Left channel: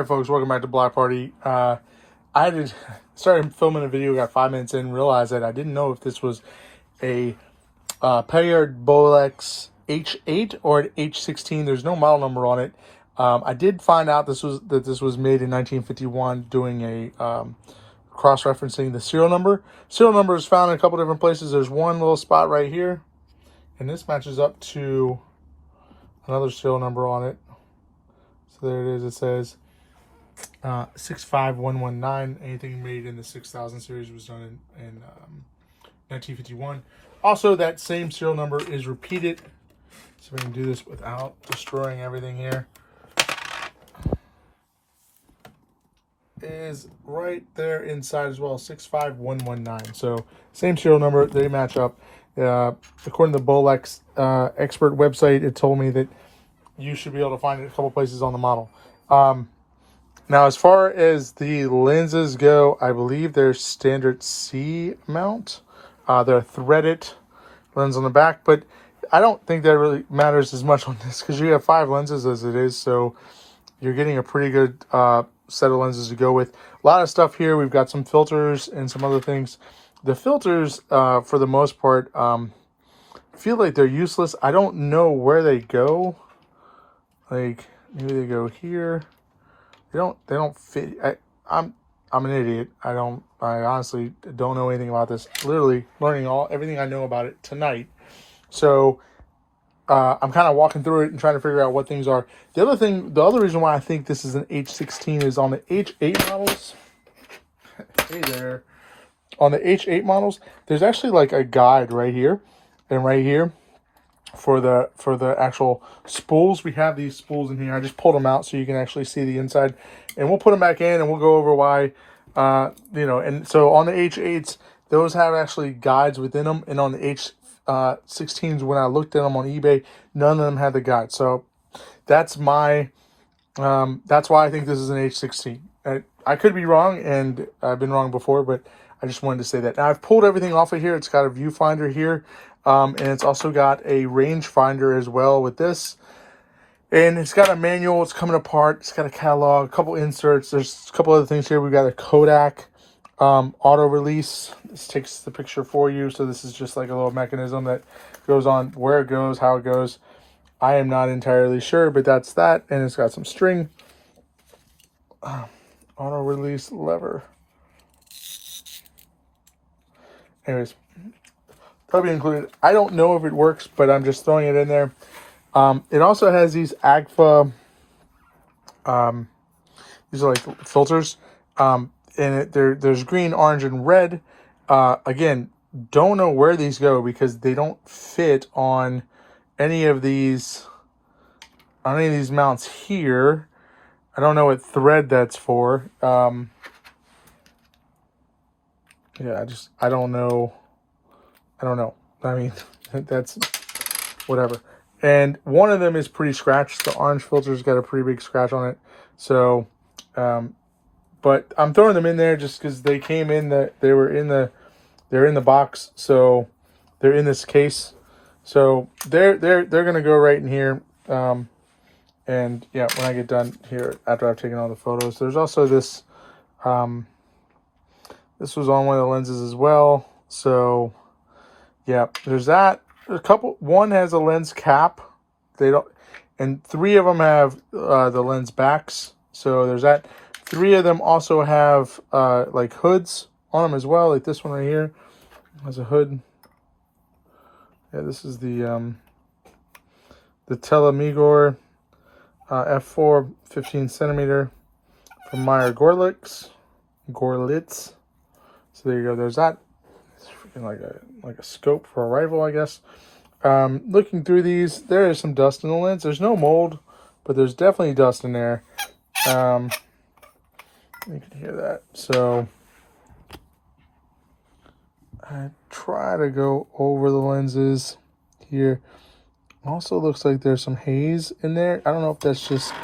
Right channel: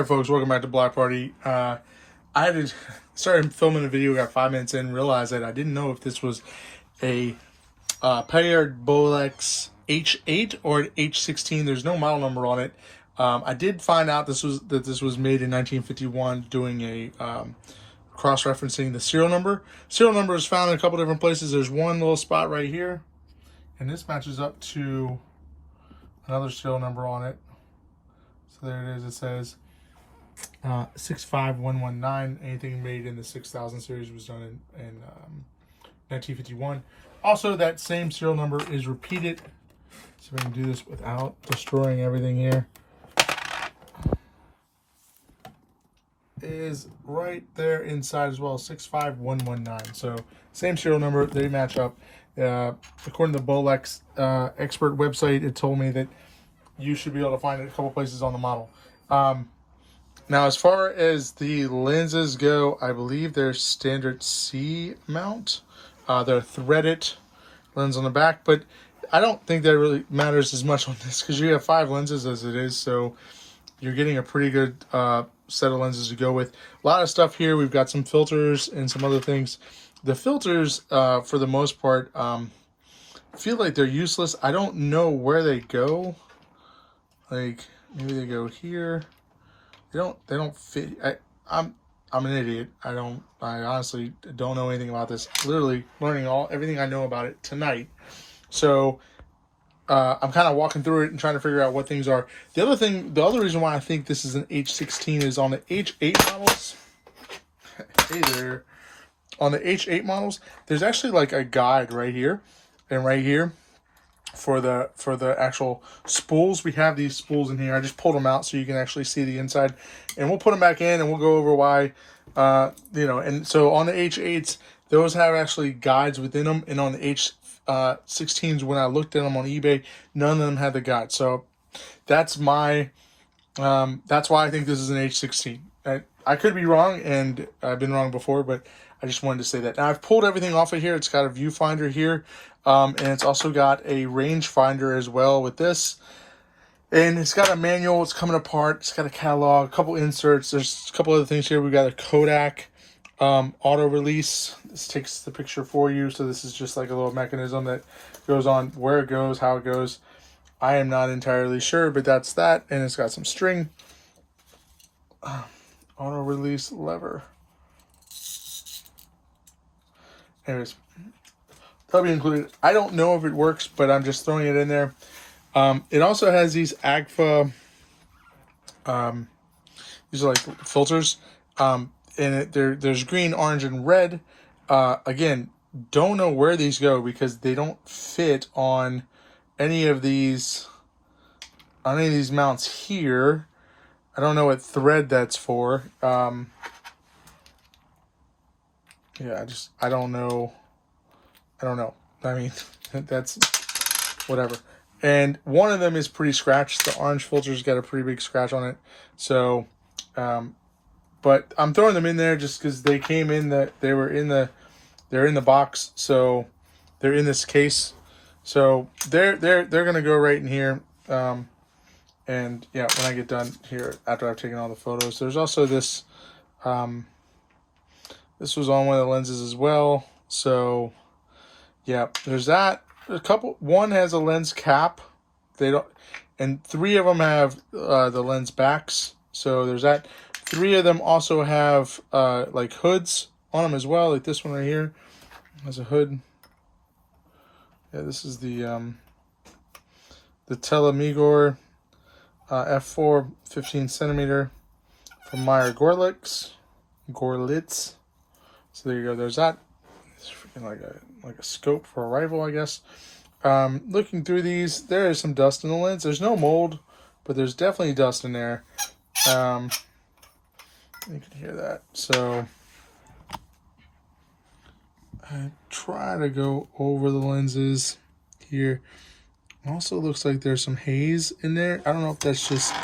Hey folks, welcome back to Black Party. I had to started filming a video, got 5 minutes in, realized that I didn't know if this was a Paillard Bolex H8 or an H16. There's no model number on it. I did find out this was made in 1951, doing a cross-referencing the serial number. Serial number is found in a couple different places. There's one little spot right here, and this matches up to another serial number on it. So there it is. It says 65119. Anything made in the 6000 series was done in 1951. Also, that same serial number is repeated. So we can do this without destroying everything here. Is right there inside as well, 65119. So same serial number, they match up. According to the Bolex expert website, it told me that you should be able to find it a couple places on the model. Now, as far as the lenses go, I believe they're standard C mount. They're threaded lens on the back, but I don't think that really matters as much on this because you have 5 lenses as it is, so you're getting a pretty good set of lenses to go with. A lot of stuff here. We've got some filters and some other things. The filters, for the most part, feel like they're useless. I don't know where they go. Like, maybe they go here. They don't fit. I'm an idiot. I honestly don't know anything about this. Literally learning everything I know about it tonight. So I'm kind of walking through it and trying to figure out what things are. The other reason why I think this is an H16 is on the H8 models. Hey there. On the H8 models, there's actually like a guide right here and right here for the actual spools. We have these spools in here. I just pulled them out so you can actually see the inside, and we'll put them back in and we'll go over why, and so on the H8s, those have actually guides within them, and on the H16s, when I looked at them on eBay, none of them had the guide. So that's my, that's why I think this is an H16. I could be wrong, and I've been wrong before, but I just wanted to say that. Now, I've pulled everything off of here. It's got a viewfinder here, and it's also got a rangefinder as well with this. And it's got a manual. It's coming apart. It's got a catalog, a couple inserts. There's a couple other things here. We've got a Kodak auto release. This takes the picture for you. So this is just like a little mechanism that goes on where it goes, how it goes. I am not entirely sure, but that's that. And it's got some string. Auto release lever. Anyways, probably included. I don't know if it works, but I'm just throwing it in there. It also has these AGFA, these are like filters, and there's green, orange, and red. Again, don't know where these go because they don't fit on any of these mounts here. I don't know what thread that's for. Yeah, I don't know. I mean, that's whatever. And one of them is pretty scratched. The orange filter's got a pretty big scratch on it. So, but I'm throwing them in there just because they came in they're in the box. So they're in this case. So they're gonna go right in here. And yeah, when I get done here after I've taken all the photos, there's also this. This was on one of the lenses as well. So yeah, there's that. One has a lens cap. And 3 of them have the lens backs. So there's that. 3 of them also have like hoods on them as well. Like this one right here has a hood. Yeah, this is the Telemigor f4 15 centimeter from Meyer Gorlitz. So there you go. There's that. It's freaking like a scope for a rifle, I guess. Looking through these, there is some dust in the lens. There's no mold, but there's definitely dust in there. You can hear that. So I try to go over the lenses here. Also looks like there's some haze in there. I don't know if that's just...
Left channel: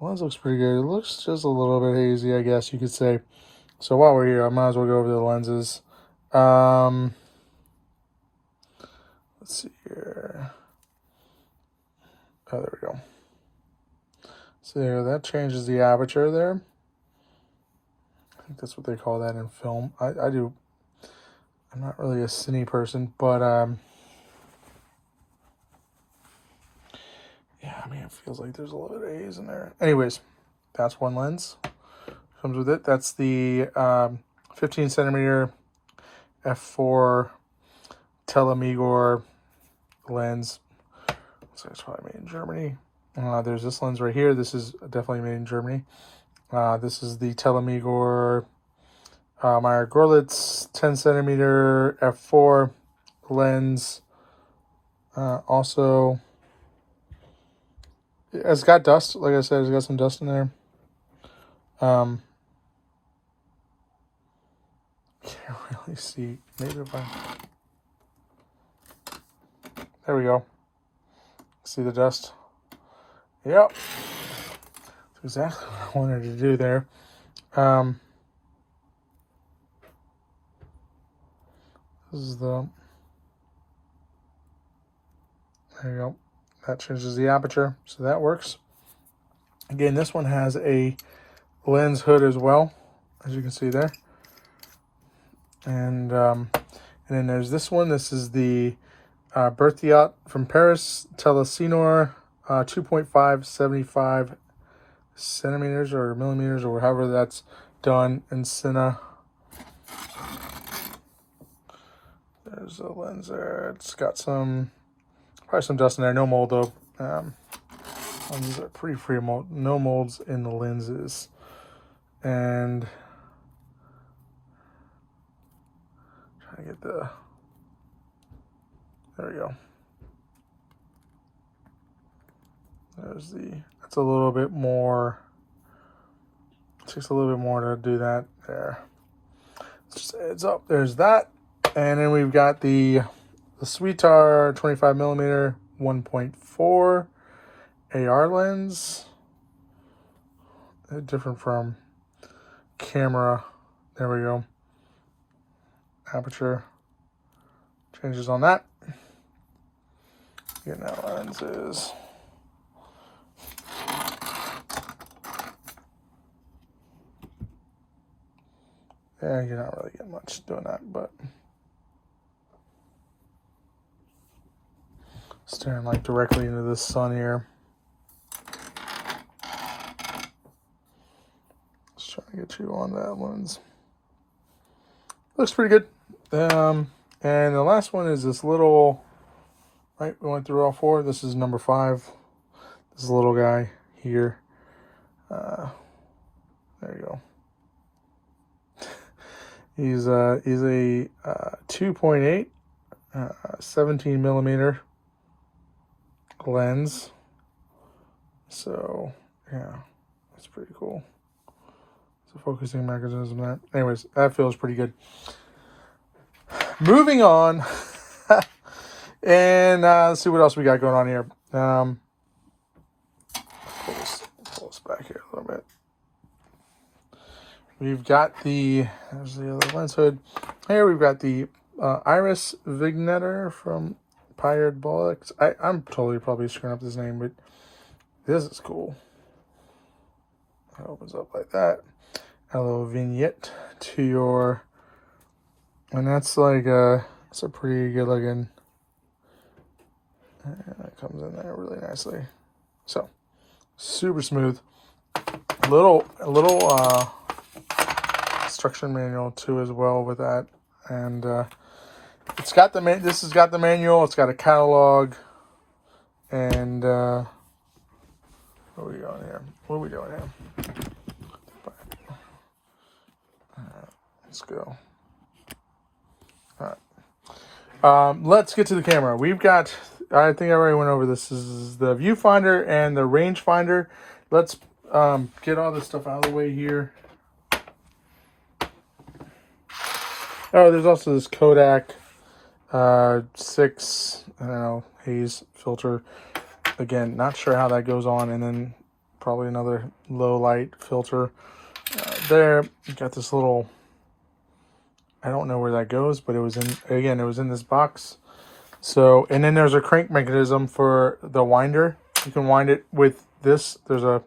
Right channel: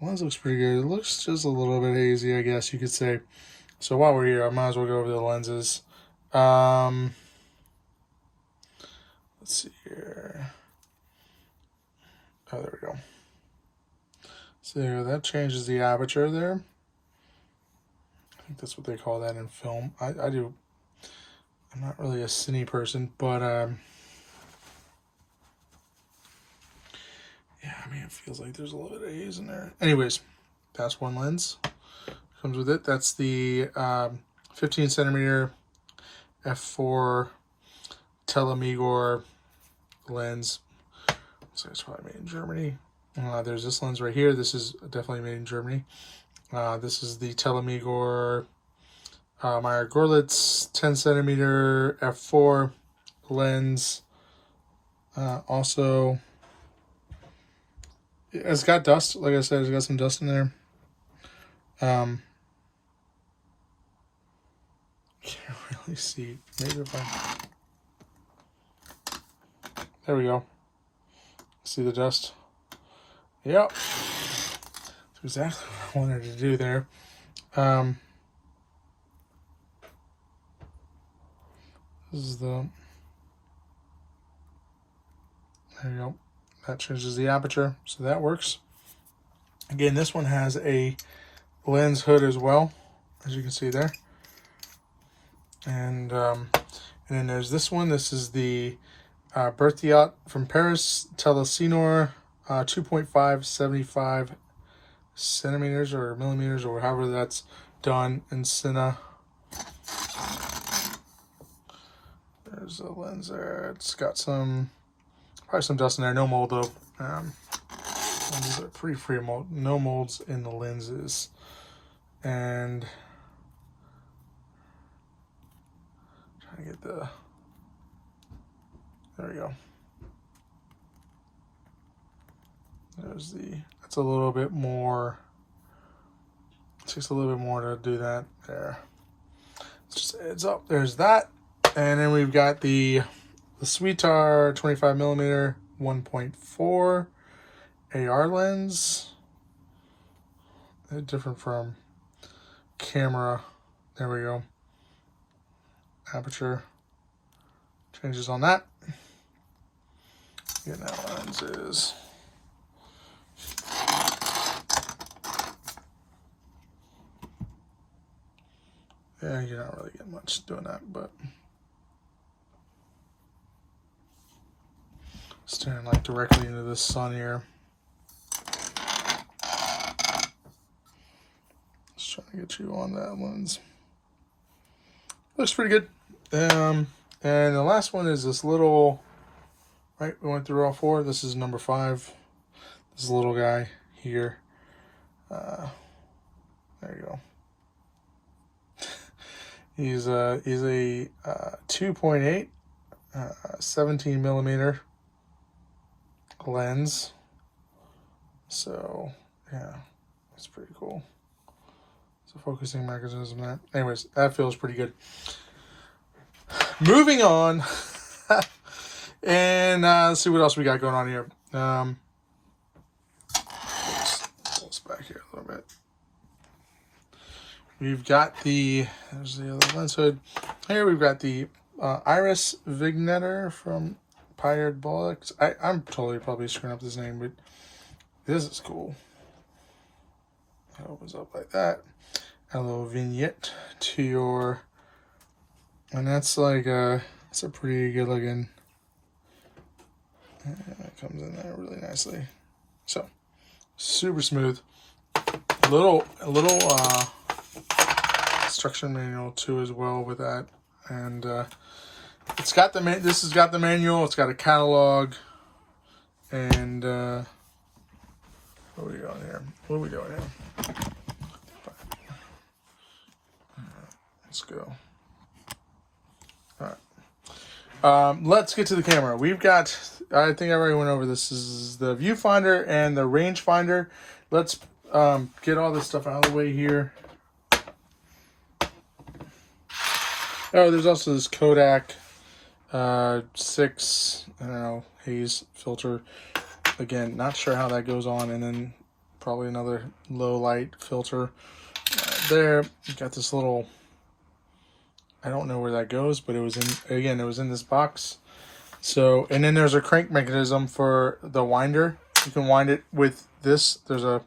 The lens looks pretty good. It looks just a little bit hazy, I guess you could say. So while we're here, I might as well go over the lenses. Let's see here. Oh, there we go. So there, that changes the aperture there. I think that's what they call that in film. I do. I'm not really a Cine person, but yeah, I mean, it feels like there's a little bit of haze in there. Anyways, that's one lens. Comes with it. That's the 15 centimeter f4 Telemigor lens. So it's probably made in Germany. There's this lens right here. This is definitely made in Germany. This is the Telemigor Meyer Gorlitz 10 centimeter f4 lens. Also, it's got dust. Like I said, it's got some dust in there. Can't really see. Maybe if I... There we go. See the dust? Yep. That's exactly what I wanted to do there. This is the... There you go. That changes the aperture, so that works. Again, this one has a lens hood as well, as you can see there. And then there's this one. This is the Berthiaut from Paris, Telesinor 2.575 centimeters or millimeters or however that's done in Cine. There's a lens there. It's got some, probably some dust in there. No mold though. Lenses are pretty free mold. No molds in the lenses. And trying to get the, there we go. There's the, that's a little bit more, it takes a little bit more to do that there. It's just, it's up, there's that. And then we've got the Sweetar 25 millimeter 1.4 AR lens. Different from camera. There we go. Aperture changes on that. Again, that lens is yeah, you're not really getting much doing that, but staring like directly into the sun here. Just trying to get you on that lens. Looks pretty good. And the last one is this little, right, we went through all four. This is number 5. This little guy here. There you go. He's a 2.8 17 millimeter lens. So yeah, that's pretty cool. So focusing mechanism that. Anyways, that feels pretty good. Moving on. And let's see what else we got going on here. Pull this back here a little bit. We've got the, there's the other lens hood. Here we've got the Iris Vignetter from Paillard Bolex. I'm totally probably screwing up this name, but this is cool. It opens up like that. A little vignette to your, and that's like it's a pretty good looking. And it comes in there really nicely. So super smooth. A little instruction manual too as well with that, and it's got the this has got the manual. It's got a catalog, and what are we doing here? What are we doing here? Let's go. All right. Let's get to the camera. We've got, I think I already went over this. This is the Viewfinder and the rangefinder. Let's get all this stuff out of the way here. Oh, there's also this Kodak 6, I don't know, haze filter. Again, not sure how that goes on. And then probably another low light filter. There, you got this little, I don't know where that goes, but it was in, again, it was in this box. So, and then there's a crank mechanism for the winder. You can wind it with this. There's a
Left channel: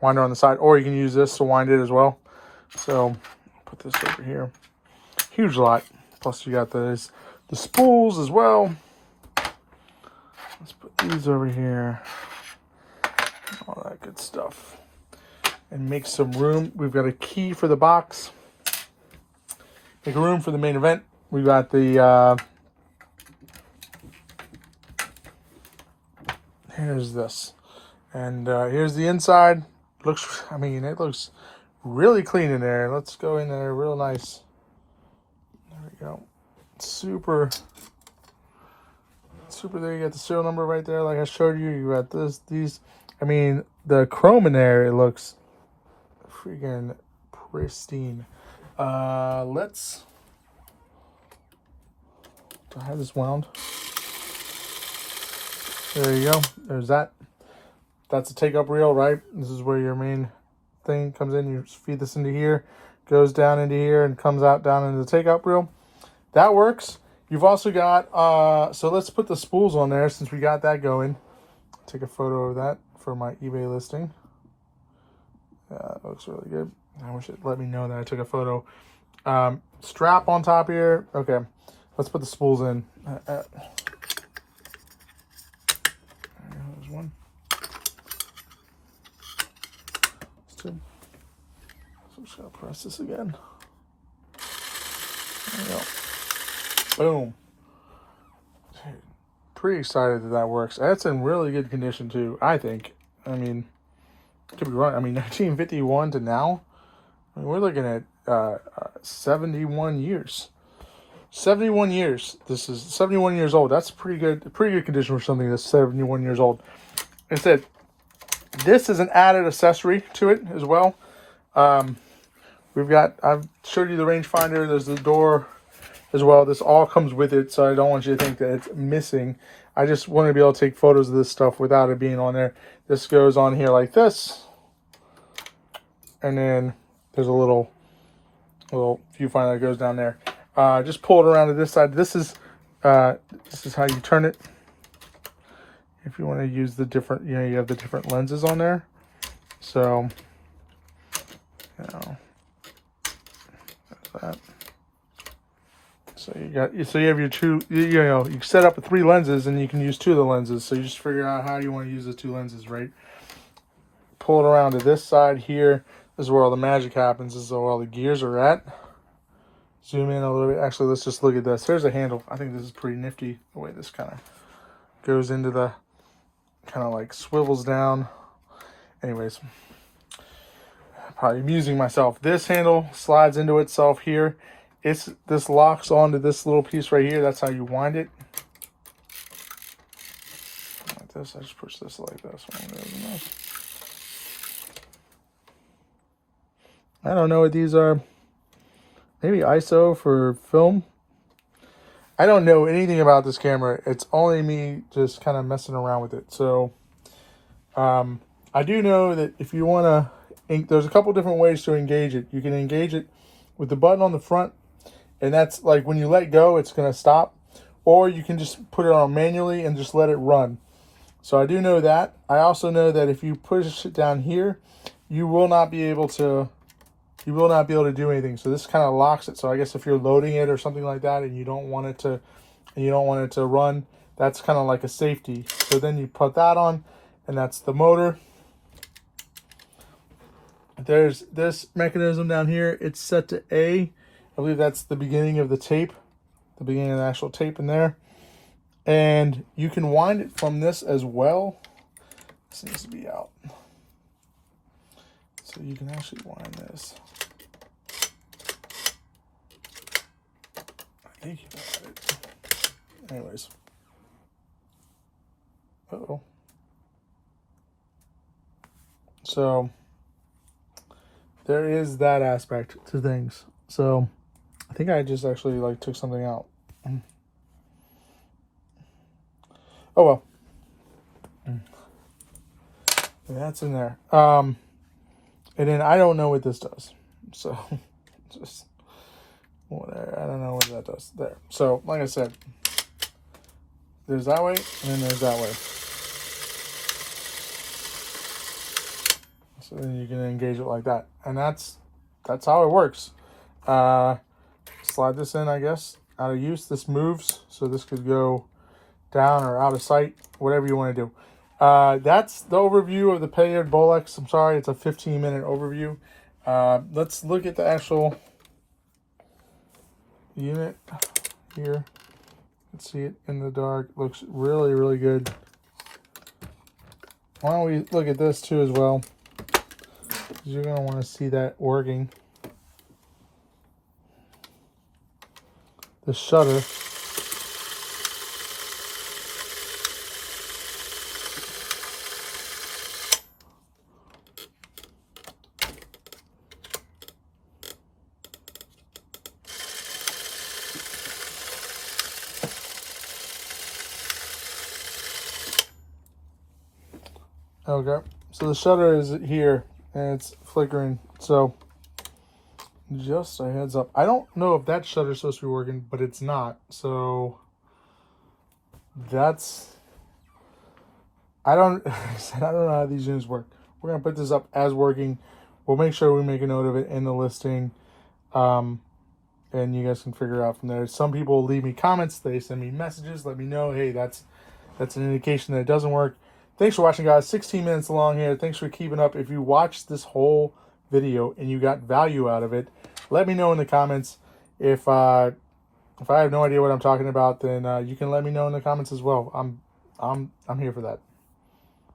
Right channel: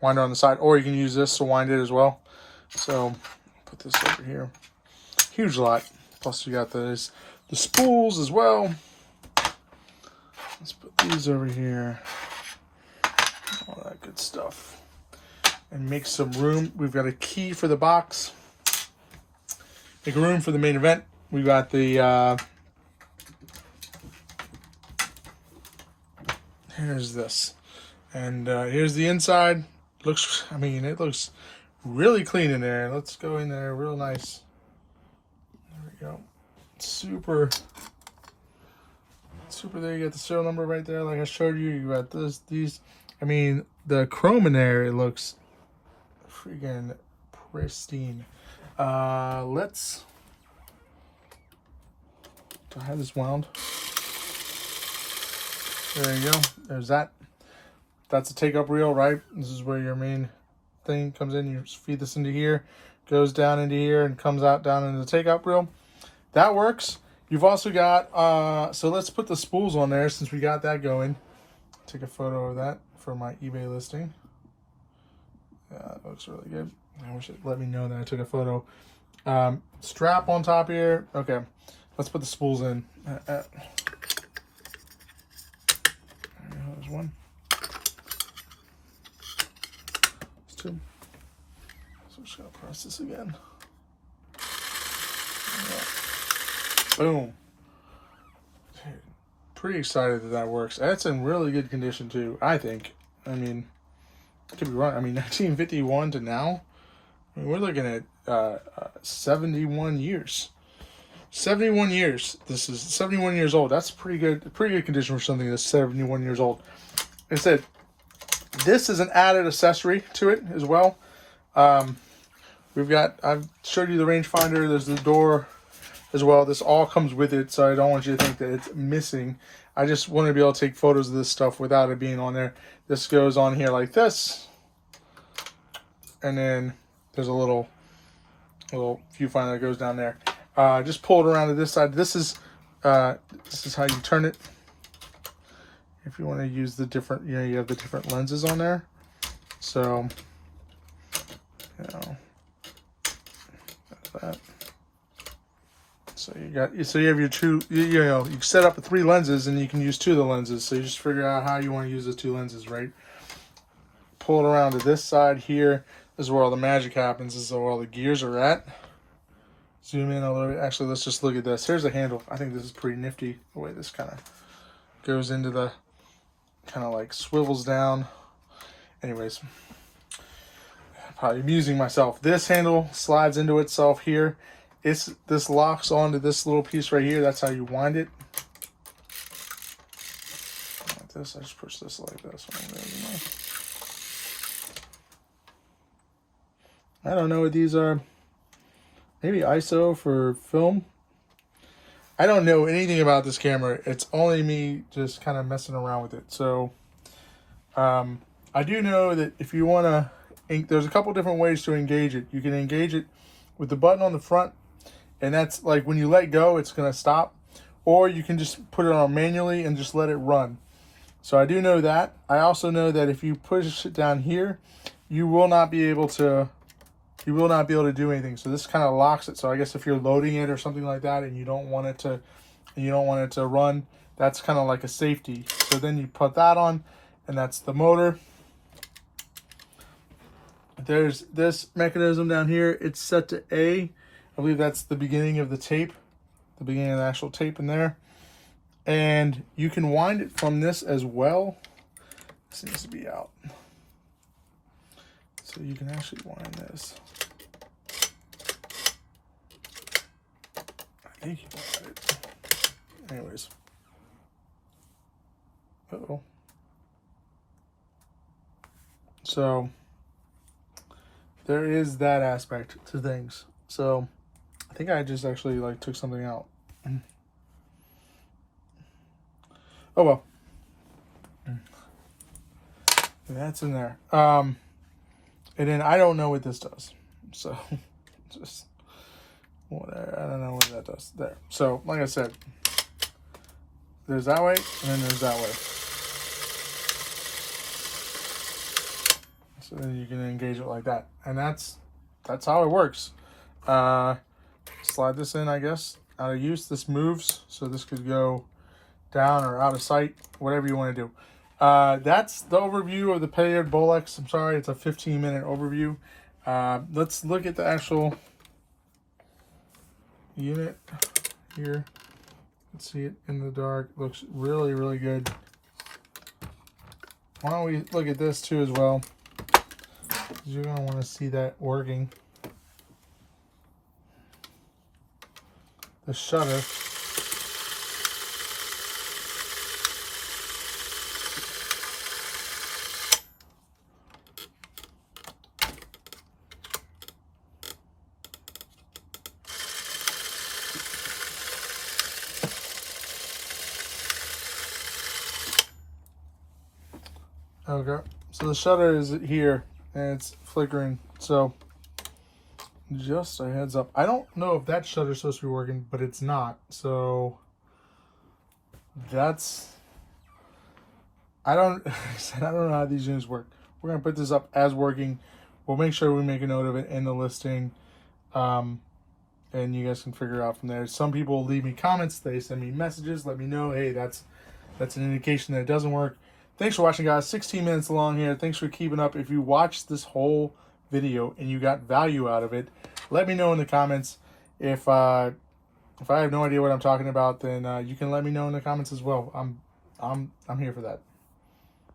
winder on the side, or you can use this to wind it as well. So put this over here. Huge lot. Plus you got the spools as well. Let's put these over here. All that good stuff. And make some room. We've got a key for the box. Make room for the main event. We got the here's this, and here's the inside. Looks, I mean, it looks really clean in there. Let's go in there, real nice. There we go. Super. There, you got the serial number right there, like I showed you. You got these. I mean, the chrome in there, it looks freaking pristine. Let's. Do I have this wound? There you go. There's that. That's a take-up reel, right? This is where your main thing comes in. You just feed this into here, goes down into here, and comes out down into the take-up reel. That works. You've also got, so let's put the spools on there since we got that going. Take a photo of that for my eBay listing. Yeah, that looks really good. I wish it let me know that I took a photo. Strap on top here. Okay, let's put the spools in. There's one. There's two. So I'm just gonna press this again. Boom. Pretty excited that that works. That's in really good condition too, I think. I mean, could be wrong. I mean, 1951 to now, I mean, we're looking at 71 years. 71 years. This is 71 years old. That's pretty good condition for something that's 71 years old. Instead, this is an added accessory to it as well. We've got, I've showed you the rangefinder. There's the door as well. This all comes with it, so I don't want you to think that it's missing. I just want to be able to take photos of this stuff without it being on there. This goes on here like this, and then there's a little viewfinder that goes down there. Just pull it around to this side. This is how you turn it. If you want to use the different, you have the different lenses on there. So, like that. So you have your two, you set up with 3 lenses and you can use 2 of the lenses. So you just figure out how you want to use the 2 lenses, right? Pull it around to this side here. This is where all the magic happens. This is where all the gears are at. Zoom in a little bit. Actually, let's just look at this. Here's the handle. I think this is pretty nifty, the way this kind of goes into the, kind of like swivels down. Anyways, probably amusing myself. This handle slides into itself here. This locks onto this little piece right here. That's how you wind it. Like this, I just push this like this. I don't know what these are. Maybe ISO for film. I don't know anything about this camera. It's only me just kind of messing around with it. So I do know that if you want to, there's a couple different ways to engage it. You can engage it with the button on the front, and that's like when you let go, it's going to stop. Or you can just put it on manually and just let it run. So I do know that. I also know that if you push it down here, you will not be able to do anything. So this kind of locks it. So I guess if you're loading it or something like that and you don't want it to run, that's kind of like a safety. So then you put that on, and that's the motor. There's this mechanism down here. It's set to A. I believe that's the beginning of the tape, the beginning of the actual tape in there. And you can wind it from this as well. This needs to be out. So you can actually wind this. I think you got it. Anyways. Uh-oh. So there is that aspect to things. So I think I just actually like took something out. Oh well. That's in there. And then I don't know what this does. So just whatever. I don't know what that does. There. So like I said, there's that way and then there's that way. So then you can engage it like that, and that's how it works. Slide this in, I guess, out of use. This moves, so this could go down or out of sight, whatever you want to do. That's the overview of the Paillard Bolex. I'm sorry, it's a 15-minute overview. Let's look at the actual unit here. Let's see it in the dark. Looks really, really good. Why don't we look at this too as well? You're going to want to see that working. The shutter. Okay, so the shutter is here and it's flickering, so just a heads up. I don't know if that shutter is supposed to be working, but it's not, so that's, I don't know how these units work. We're gonna put this up as working. We'll make sure we make a note of it in the listing, and you guys can figure out from there. Some people leave me comments, they send me messages, let me know, hey, that's an indication that it doesn't work. Thanks for watching, guys. 16 minutes long here. Thanks for keeping up. If you watched this whole video and you got value out of it, let me know in the comments. If I have no idea what I'm talking about, then you can let me know in the comments as well. I'm here for that.